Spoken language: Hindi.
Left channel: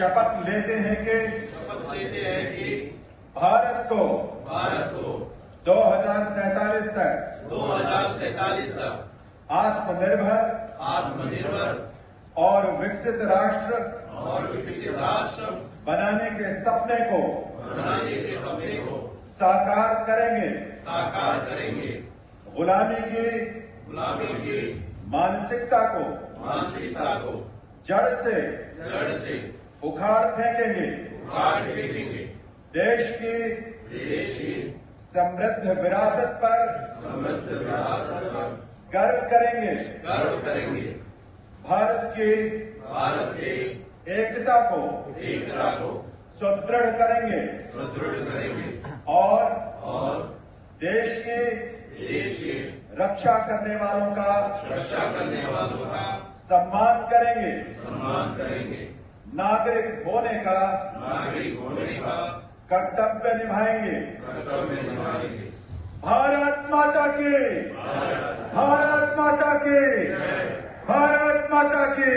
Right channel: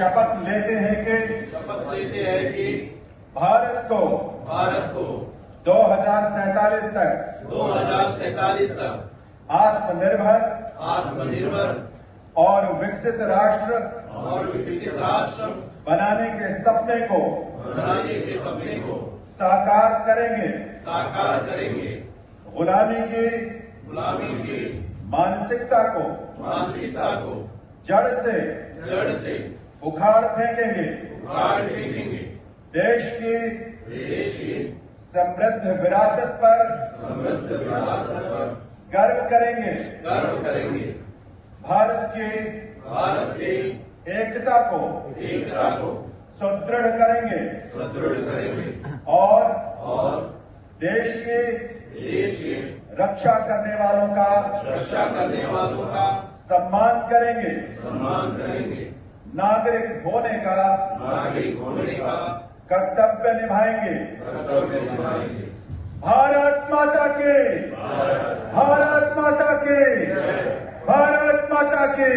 शपथ लेते हैं कि भारत को 2047 तक आत्मनिर्भर और विकसित राष्ट्र बनाने के सपने को साकार करेंगे। गुलामी की मानसिकता को जड़ से उखाड़ फेंकेंगे। देश की समृद्ध विरासत पर गर्व करेंगे। भारत की एकता को सुदृढ़ करेंगे और देश की रक्षा करने वालों का सम्मान करेंगे। नागरिक होने का कर्तव्य निभाएंगे। भारत माता के भारत माता के भारत माता के